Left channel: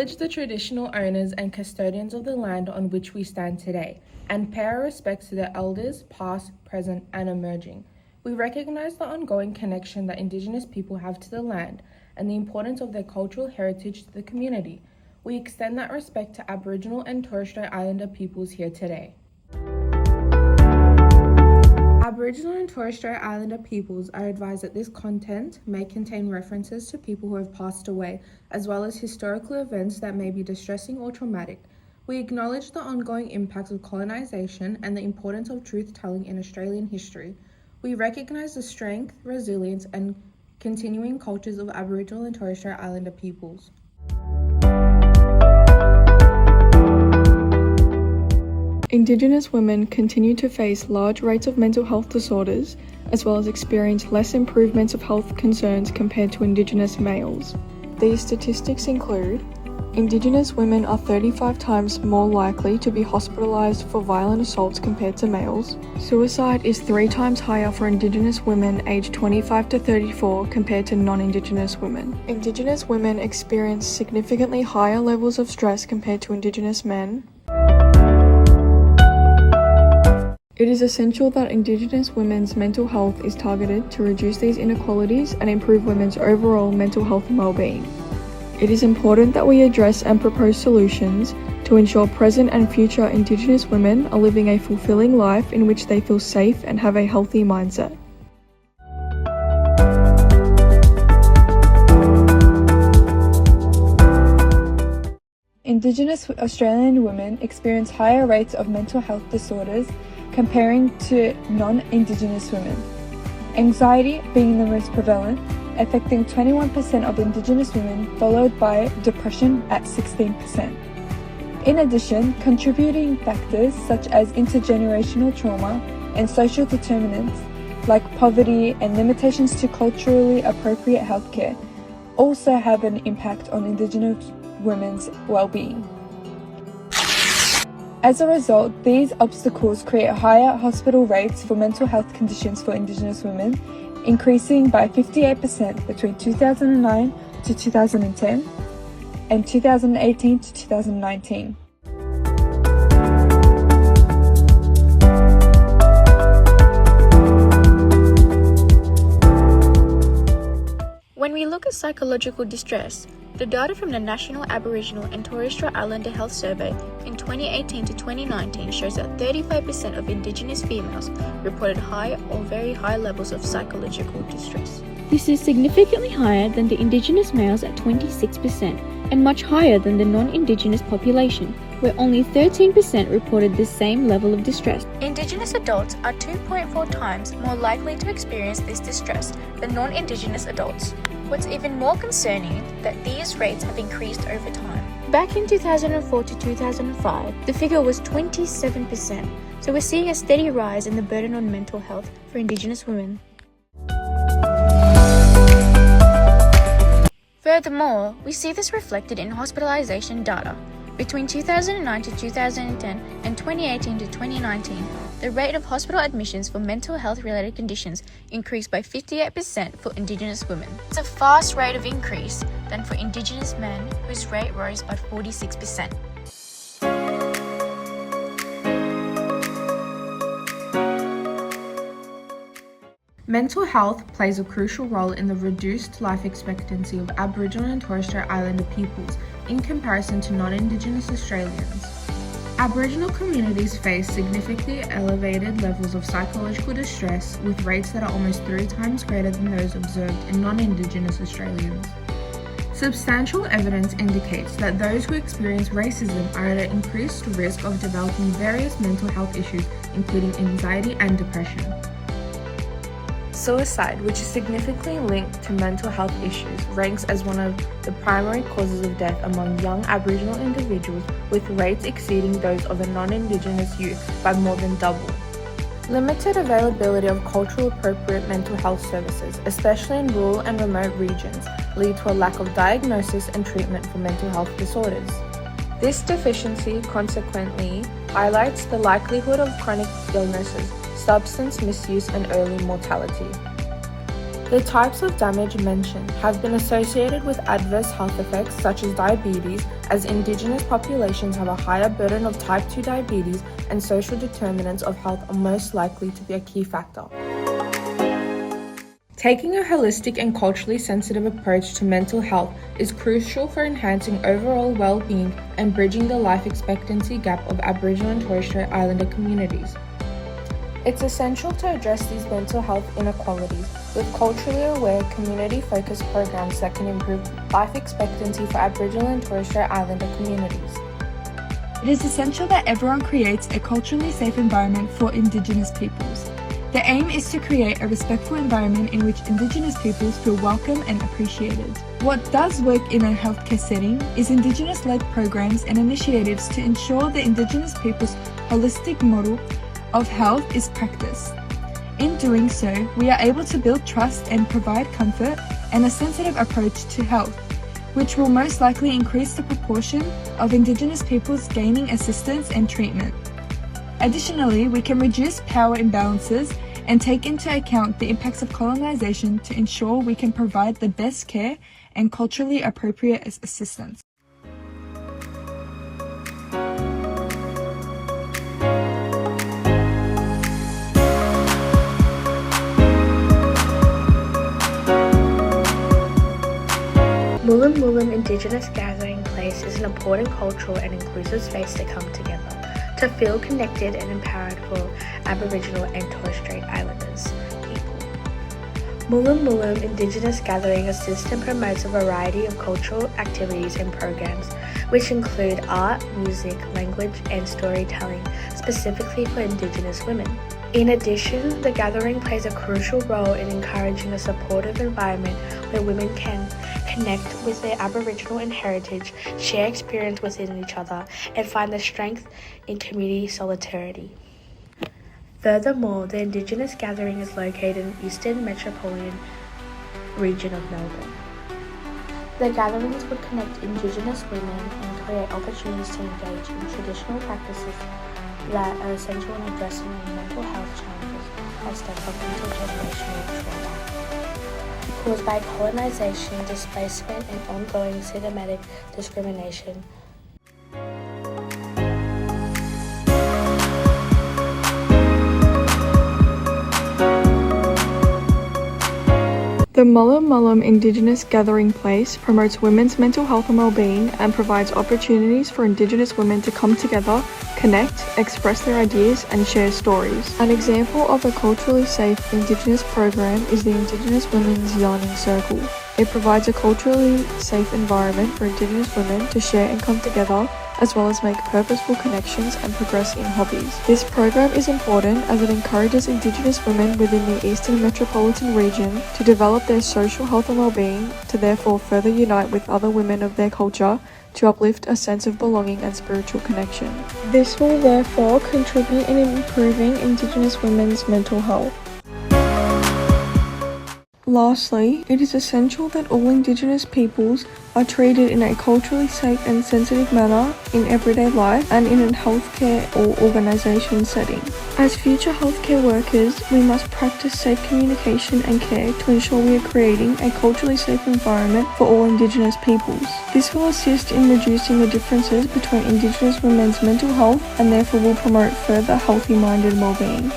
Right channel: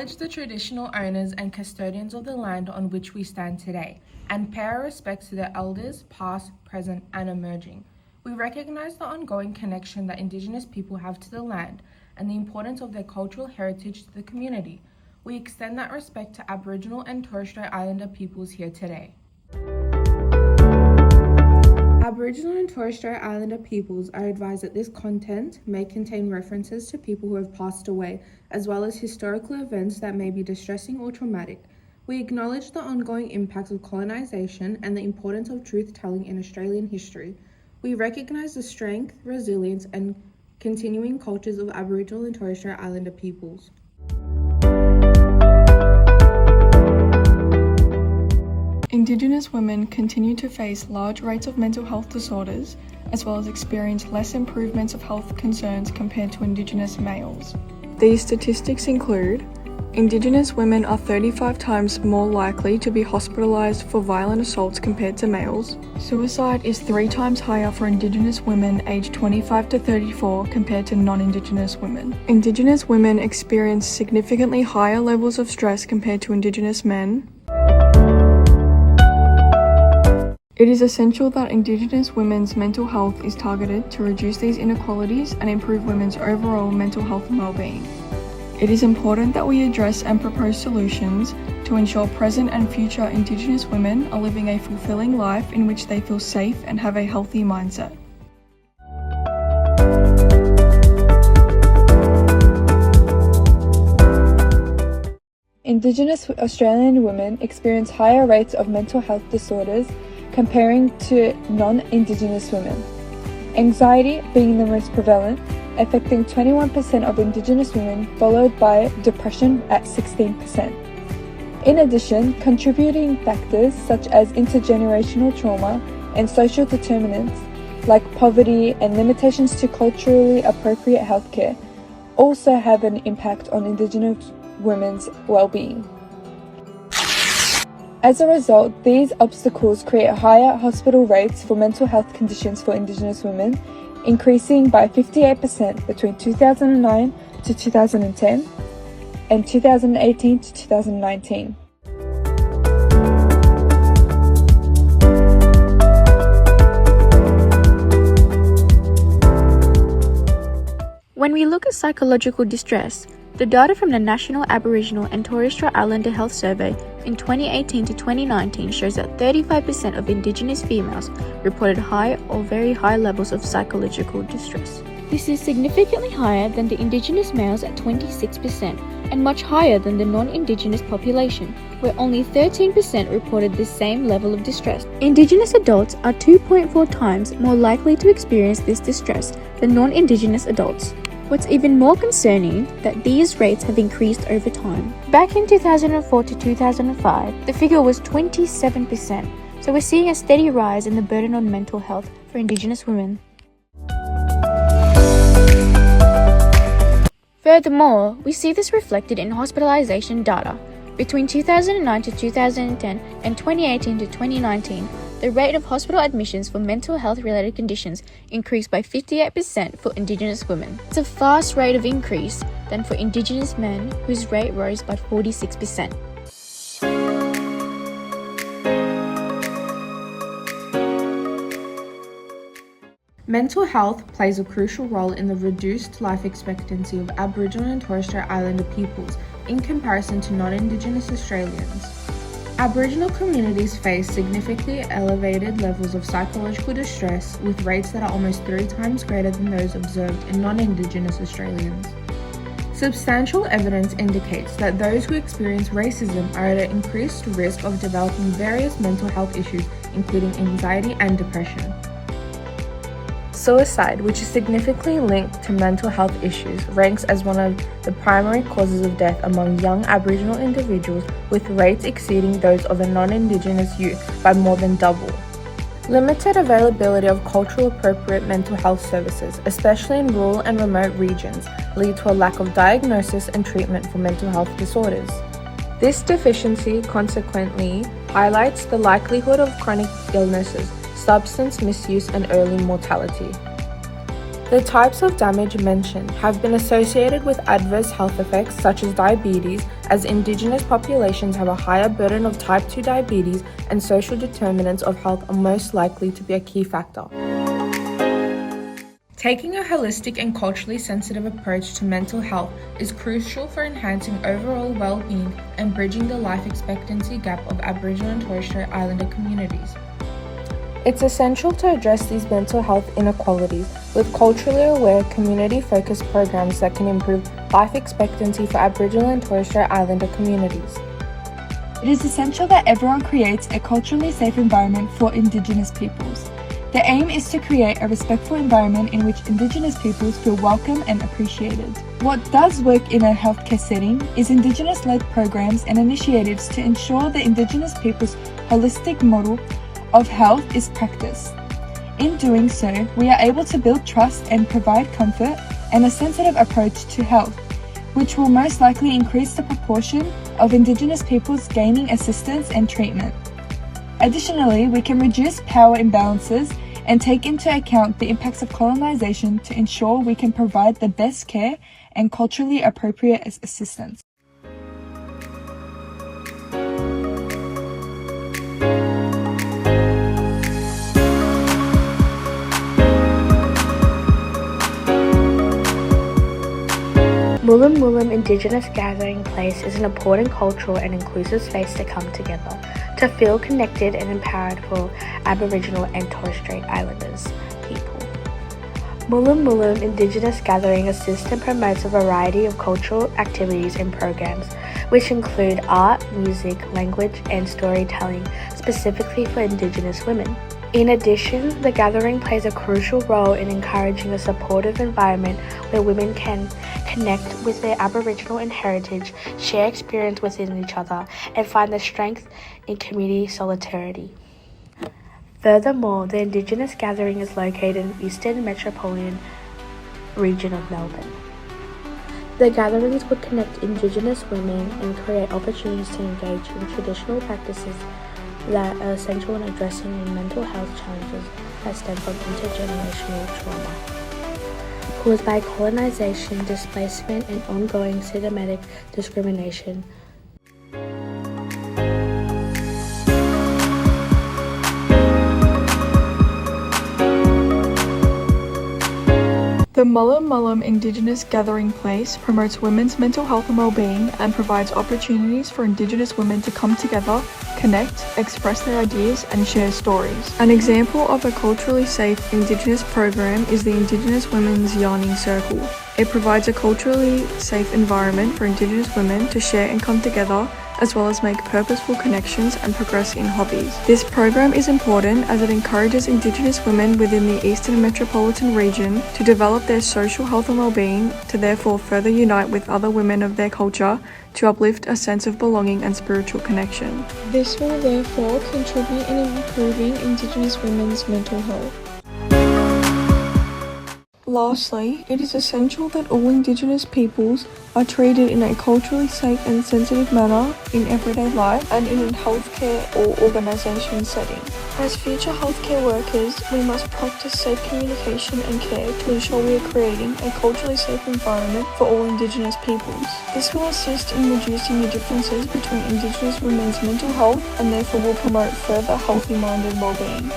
acknowledge the traditional owners and custodians of the land on which we stand today, and pay our respects to their elders, past, present, and emerging. We recognize the ongoing connection that Indigenous people have to the land and the importance of their cultural heritage to the community. We extend that respect to Aboriginal and Torres Strait Islander peoples here today. Aboriginal and Torres Strait Islander peoples are advised that this content may contain references to people who have passed away, as well as historical events that may be distressing or traumatic. We acknowledge the ongoing impacts of colonisation and the importance of truth-telling in Australian history. We recognise the strength, resilience, and continuing cultures of Aboriginal and Torres Strait Islander peoples. Indigenous women continue to face large rates of mental health disorders, as well as experience less improvements of health concerns compared to Indigenous males. These statistics include Indigenous women are 35 times more likely to be hospitalised for violent assaults compared to males. Suicide is 3 times higher for Indigenous women aged 25 to 34 compared to non-Indigenous women. Indigenous women experience significantly higher levels of stress compared to Indigenous men. It is essential that Indigenous women's mental health is targeted to reduce these inequalities and improve women's overall mental health and well-being. It is important that we address and propose solutions to ensure present and future Indigenous women are living a fulfilling life in which they feel safe and have a healthy mindset. Indigenous Australian women experience higher rates of mental health disorders comparing to non-Indigenous women. Anxiety being the most prevalent, affecting 21% of Indigenous women, followed by depression at 16%. In addition, contributing factors such as intergenerational trauma and social determinants like poverty and limitations to culturally appropriate healthcare also have an impact on Indigenous women's well-being. As a result, these obstacles create higher hospital rates for mental health conditions for Indigenous women, increasing by 58% between 2009 to 2010 and 2018 to 2019. When we look at psychological distress, the data from the National Aboriginal and Torres Strait Islander Health Survey in 2018 to 2019 shows that 35% of Indigenous females reported high or very high levels of psychological distress. This is significantly higher than the Indigenous males at 26% and much higher than the non-Indigenous population, where only 13% reported the same level of distress. Indigenous adults are 2.4 times more likely to experience this distress than non-Indigenous adults. What's even more concerning that these rates have increased over time. Back in 2004 to 2005, the figure was 27%, so we're seeing a steady rise in the burden on mental health for Indigenous women. Furthermore, we see this reflected in hospitalization data. Between 2009 to 2010 and 2018 to 2019, the rate of hospital admissions for mental health-related conditions increased by 58% for Indigenous women. It's a fast rate of increase than for Indigenous men, whose rate rose by 46%. Mental health plays a crucial role in the reduced life expectancy of Aboriginal and Torres Strait Islander peoples in comparison to non-Indigenous Australians. Aboriginal communities face significantly elevated levels of psychological distress, with rates that are almost 3 times greater than those observed in non-Indigenous Australians. Substantial evidence indicates that those who experience racism are at an increased risk of developing various mental health issues, including anxiety and depression. Suicide, which is significantly linked to mental health issues, ranks as one of the primary causes of death among young Aboriginal individuals, with rates exceeding those of a non-Indigenous youth by more than double. Limited availability of culturally appropriate mental health services, especially in rural and remote regions, lead to a lack of diagnosis and treatment for mental health disorders. This deficiency consequently highlights the likelihood of chronic illnesses, substance misuse, and early mortality. The types of damage mentioned have been associated with adverse health effects such as diabetes, as Indigenous populations have a higher burden of type 2 diabetes, and social determinants of health are most likely to be a key factor. Taking a holistic and culturally sensitive approach to mental health is crucial for enhancing overall well-being and bridging the life expectancy gap of Aboriginal and Torres Strait Islander communities. It's essential to address these mental health inequalities with culturally aware, community-focused programs that can improve life expectancy for Aboriginal and Torres Strait Islander communities. It is essential that everyone creates a culturally safe environment for Indigenous peoples. The aim is to create a respectful environment in which Indigenous peoples feel welcome and appreciated. What does work in a healthcare setting is Indigenous-led programs and initiatives to ensure the Indigenous people's holistic model of health is practiced. In doing so, we are able to build trust and provide comfort and a sensitive approach to health, which will most likely increase the proportion of Indigenous peoples gaining assistance and treatment. Additionally, we can reduce power imbalances and take into account the impacts of colonization to ensure we can provide the best care and culturally appropriate assistance. Mullum Mullum Indigenous Gathering Place is an important cultural and inclusive space to come together, to feel connected and empowered for Aboriginal and Torres Strait Islanders people. Mullum Mullum Indigenous Gathering assists and promotes a variety of cultural activities and programs, which include art, music, language, and storytelling specifically for Indigenous women. In addition, the gathering plays a crucial role in encouraging a supportive environment where women can connect with their Aboriginal and heritage, share experience within each other, and find the strength in community solidarity. Furthermore, the Indigenous Gathering is located in the Eastern Metropolitan region of Melbourne. The gatherings would connect Indigenous women and create opportunities to engage in traditional practices that are essential in addressing the mental health challenges that stem from intergenerational trauma caused by colonization, displacement, and ongoing systematic discrimination. The Mullum Mullum Indigenous Gathering Place promotes women's mental health and well-being and provides opportunities for Indigenous women to come together, connect, express their ideas, and share stories. An example of a culturally safe Indigenous program is the Indigenous Women's Yarning Circle. It provides a culturally safe environment for Indigenous women to share and come together, as well as make purposeful connections and progress in hobbies. This program is important as it encourages Indigenous women within the Eastern Metropolitan region to develop their social health and well-being, to therefore further unite with other women of their culture to uplift a sense of belonging and spiritual connection. This will therefore contribute in improving Indigenous women's mental health. Lastly, it is essential that all Indigenous peoples are treated in a culturally safe and sensitive manner in everyday life and in a healthcare or organisation setting. As future healthcare workers, we must practice safe communication and care to ensure we are creating a culturally safe environment for all Indigenous peoples. This will assist in reducing the differences between Indigenous women's mental health and therefore will promote further healthy mind and well-being.